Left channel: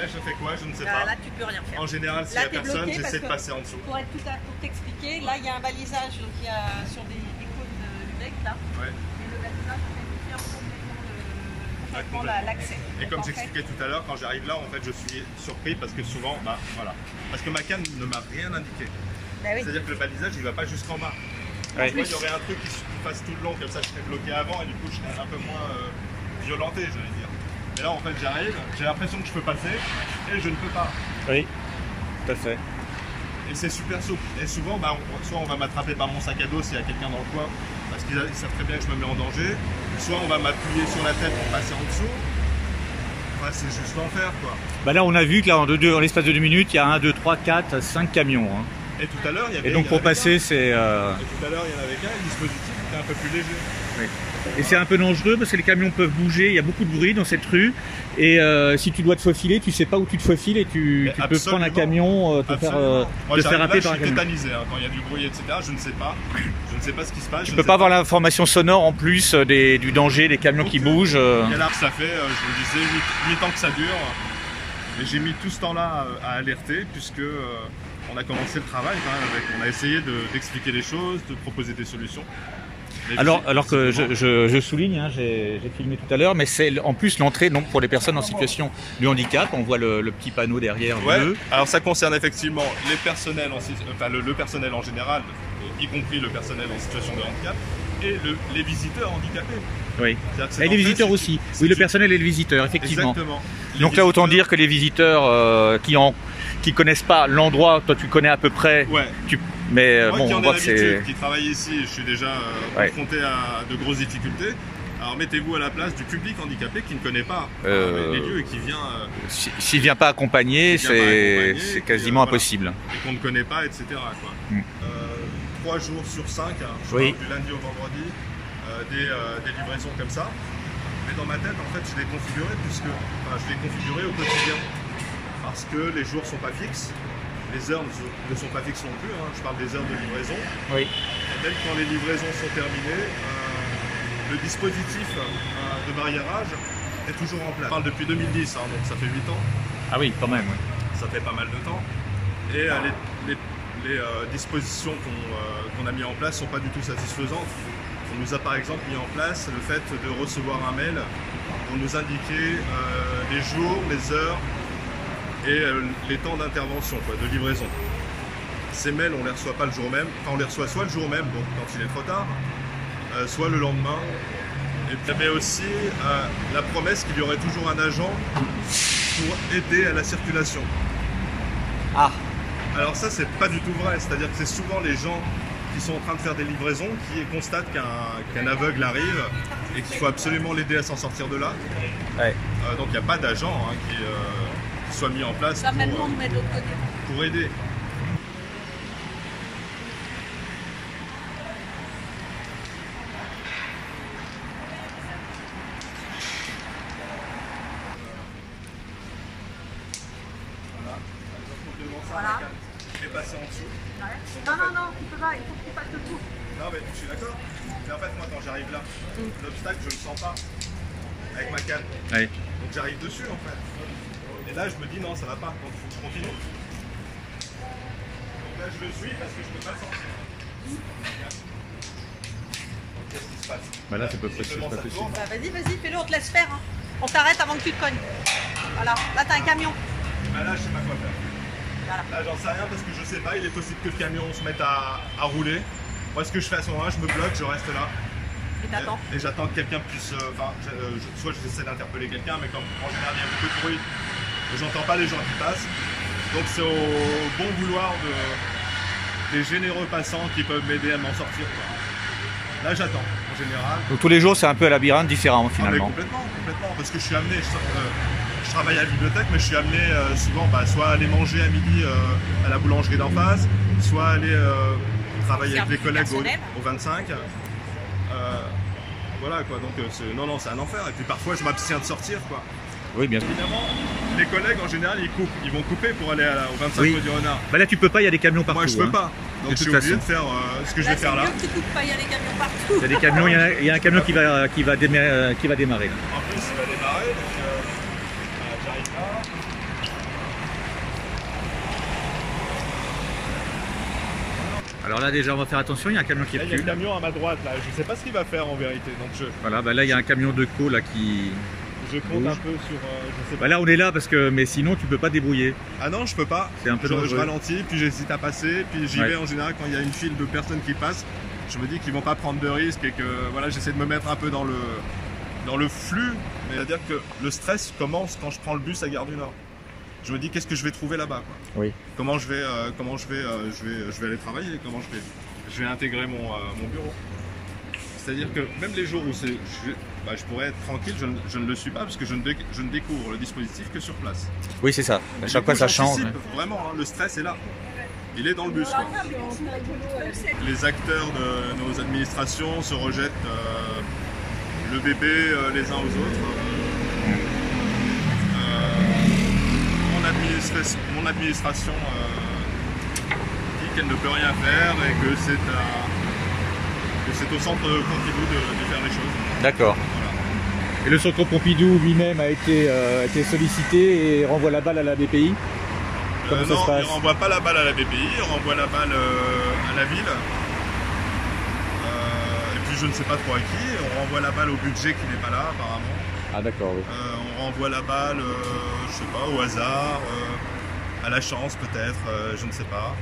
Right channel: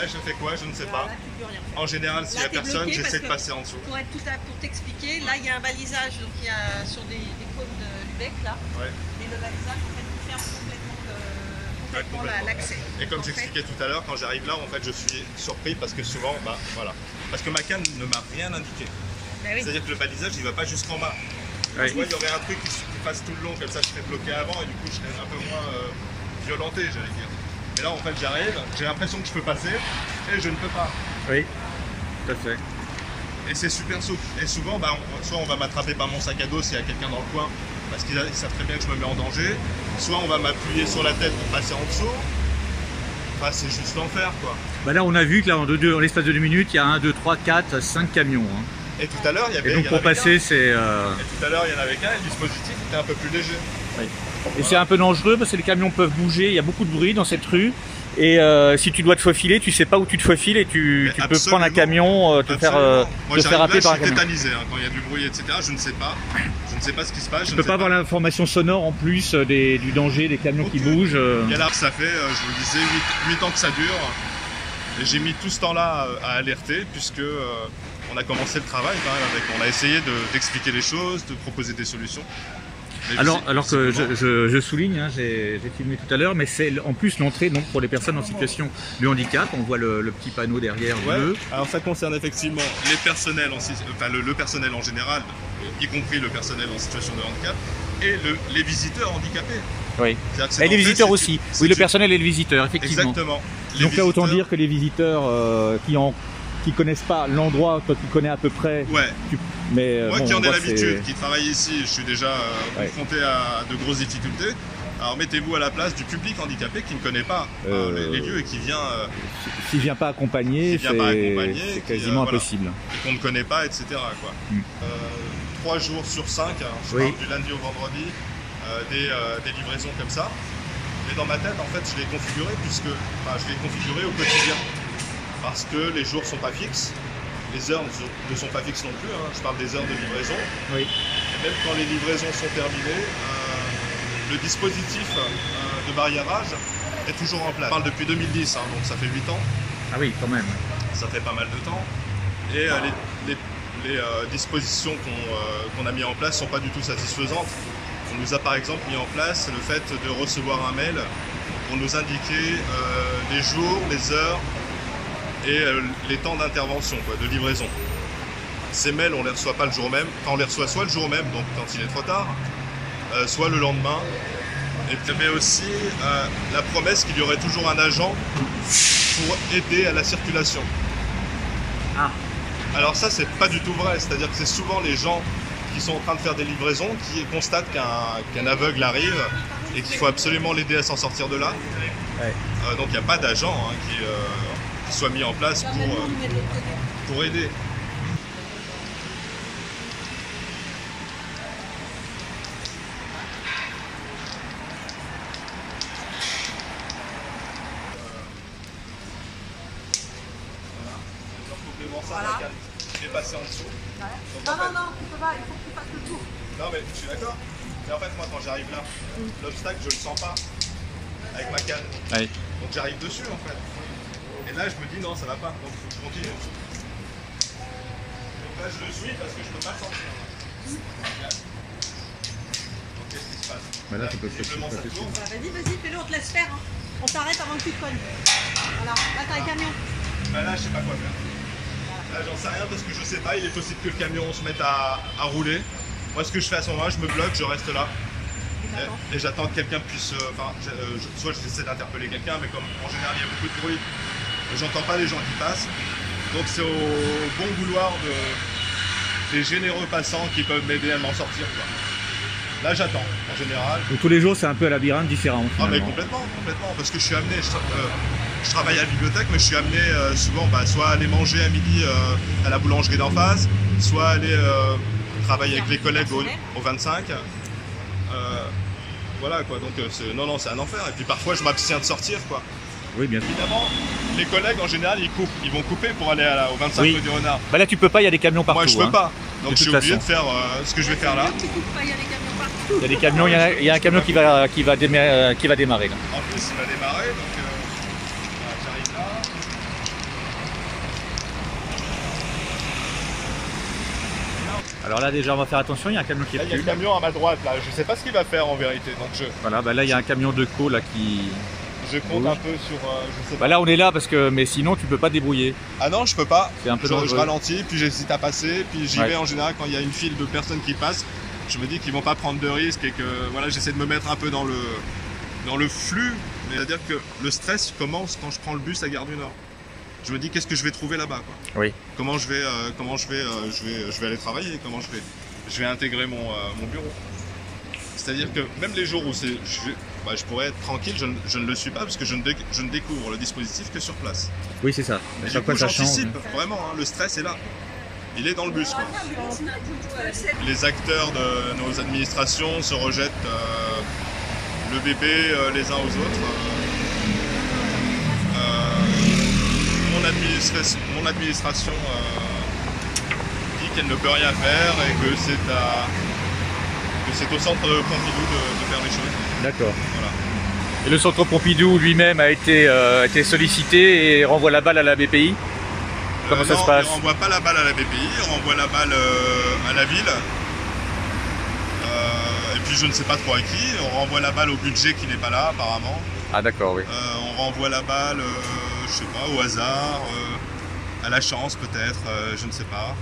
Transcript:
là, je fais quoi? Je ne sais pas. Là, tu peux rien faire. En général, s'il n'y a personne, j'essaie de passer en dessous. Pour t'expliquer, là, il y a un balisage donc il y a sur des cônes de Lubeck, là. Ouais. Et le balisage, en fait, il ferme complètement l'accès. Et comme j'expliquais tout à l'heure, quand j'arrive là, en fait, je suis surpris parce que souvent, voilà. Parce que ma canne ne m'a rien indiqué. Ah oui. C'est-à-dire que le balisage, il ne va pas jusqu'en bas. Ouais. Tu vois, il y aurait un truc qui passe tout le long, comme ça je serais bloqué avant et du coup je serais un peu moins violenté, j'allais dire. Mais là en fait j'arrive, j'ai l'impression que je peux passer et je ne peux pas. Oui, tout à fait. Et c'est super souple. Et souvent, soit on va m'attraper par mon sac à dos s'il y a quelqu'un dans le coin, parce qu'ils savent très bien que je me mets en danger, soit on va m'appuyer sur la tête pour passer en dessous. Enfin, c'est juste l'enfer quoi. Bah là on a vu que là en l'espace de 2 minutes, il y a 1, 2, 3, 4, 5 camions. Hein. Et tout à l'heure, il y avait. Et donc pour passer, c'est. Et tout à l'heure, il y en avait qu'un, le dispositif était un peu plus léger. Oui. Et c'est un peu dangereux parce que les camions peuvent bouger, il y a beaucoup de bruit dans cette rue. Et si tu dois te faufiler, tu sais pas où tu te faufiles et tu peux prendre un camion, te faire happer par un camion. Je suis tétanisé hein, quand il y a du bruit, etc. Je ne sais pas. Je ne sais pas ce qui se passe. Tu peux pas avoir l'information sonore en plus du danger, des camions qui bougent. Et là, ça fait, je vous le disais, 8 ans que ça dure. Et j'ai mis tout ce temps-là à alerter puisque on a commencé le travail quand même avec. On a essayé d'expliquer les choses, de proposer des solutions. Alors que je souligne, hein, j'ai filmé tout à l'heure, mais c'est en plus l'entrée donc pour les personnes en situation de handicap. On voit le petit panneau derrière bleu. Alors ça concerne effectivement les personnels, le personnel en général, y compris le personnel en situation de handicap, et les visiteurs handicapés. Oui. Et les visiteurs aussi. Oui, le personnel et le visiteur, effectivement. Exactement. Donc là, autant dire que les visiteurs qui connaissent pas l'endroit, toi tu connais à peu près. Ouais. Mais moi qui en ai l'habitude, qui travaille ici, je suis déjà confronté à de grosses difficultés. Alors mettez-vous à la place du public handicapé qui ne connaît pas les lieux et qui vient. S'il ne vient pas accompagner, c'est quasiment impossible. Et qu'on ne connaît pas, etc. Quoi. 3 jours sur 5, hein, je parle du lundi au vendredi, des livraisons comme ça. Mais dans ma tête, en fait, je l'ai configuré je l'ai configuré au quotidien. Parce que les jours ne sont pas fixes, les heures ne sont pas fixes non plus, hein, je parle des heures de livraison. Oui. Et même quand les livraisons sont terminées, le dispositif de barriérage est toujours en place. Je parle depuis 2010, hein, donc ça fait 8 ans. Ah oui, quand même. Ça fait pas mal de temps. Et les dispositions qu'on a mis en place ne sont pas du tout satisfaisantes. On nous a par exemple mis en place le fait de recevoir un mail pour nous indiquer les jours, les heures, et les temps d'intervention, de livraison. Ces mails, on ne les reçoit pas le jour même, enfin on les reçoit soit le jour même, donc quand il est trop tard, soit le lendemain. Et puis il y avait aussi la promesse qu'il y aurait toujours un agent pour aider à la circulation. Ah. Alors ça, c'est pas du tout vrai, c'est-à-dire que c'est souvent les gens qui sont en train de faire des livraisons qui constatent qu'un aveugle arrive et qu'il faut absolument l'aider à s'en sortir de là. Ouais. Donc il n'y a pas d'agent qui soit mis en place pour aider. Voilà. Et passer en dessous. Ouais. Non, tu peux pas, il faut que tu fasses le tour. Non mais je suis d'accord. Mais en fait moi quand j'arrive là, l'obstacle je le sens pas avec ma canne. Ouais. Donc j'arrive dessus en fait. Et là, je me dis non, ça va pas, donc il faut que je continue. Donc là, je le suis parce que je peux pas le sentir. Donc qu'est-ce qui se passe? Bah là, tu peux pas te Vas-y, fais-le, on te laisse faire. Hein. On t'arrête avant que tu te cognes. Voilà, là, t'as un camion. Bah là, je sais pas quoi faire. Là, j'en sais rien parce que je sais pas, il est possible que le camion se mette à rouler. Moi, ce que je fais à ce moment-là, je me bloque, je reste là. Et j'attends que quelqu'un puisse. Soit j'essaie d'interpeller quelqu'un, mais comme en général, il y a beaucoup de bruit. J'entends pas les gens qui passent, donc c'est au bon vouloir des généreux passants qui peuvent m'aider à m'en sortir, quoi. Là j'attends, en général. Donc tous les jours c'est un peu un labyrinthe différent finalement. Ah mais complètement, parce que je suis amené, je travaille à la bibliothèque, mais je suis amené souvent soit aller manger à midi à la boulangerie d'en face, soit aller travailler avec les collègues au 25. Voilà quoi, donc non c'est un enfer, et puis parfois je m'abstiens de sortir, quoi. Oui, bien sûr. Évidemment, les collègues en général ils vont couper pour aller au 25 rue du Renard. Bah là tu peux pas, il y a des camions partout. Moi je peux pas, donc je suis obligé de faire ce que je vais faire là. Il y a des camions, il y a un camion qui va démarrer là. En plus il va démarrer, donc j'arrive là. Alors là déjà on va faire attention, il y a un camion qui là, il y a recule. un camion à ma droite là, je sais pas ce qu'il va faire en vérité. Donc Voilà, bah là il y a un camion de co là qui... Je compte un peu sur... je sais pas. Bah là on est là parce que... Mais sinon tu peux pas débrouiller. Ah non, je peux pas. C'est un peu je ralentis, puis j'hésite à passer, puis j'y vais en général quand il y a une file de personnes qui passent. Je me dis qu'ils vont pas prendre de risques et que voilà, j'essaie de me mettre un peu dans le flux. C'est-à-dire que le stress commence quand je prends le bus à Gare du Nord. Je me dis qu'est-ce que je vais trouver là-bas, quoi. Oui. Comment je vais aller travailler, comment je vais intégrer mon bureau. C'est-à-dire que même les jours où je pourrais être tranquille, je ne le suis pas parce que je ne découvre le dispositif que sur place. Oui, c'est ça. Et du coup, j'anticipe vraiment, hein, le stress est là. Il est dans le bus, quoi. Les acteurs de nos administrations se rejettent le bébé les uns aux autres. Mon administration dit qu'elle ne peut rien faire et que c'est au centre Pompidou de faire les choses. D'accord. Voilà. Et le centre Pompidou lui-même a été sollicité et renvoie la balle à la BPI. Comment ça se passe? Il ne renvoie pas la balle à la BPI, il renvoie la balle à la ville. Et puis je ne sais pas trop à qui. On renvoie la balle au budget qui n'est pas là apparemment. Ah d'accord, oui. On renvoie la balle, je sais pas, au hasard, à la chance peut-être, je ne sais pas.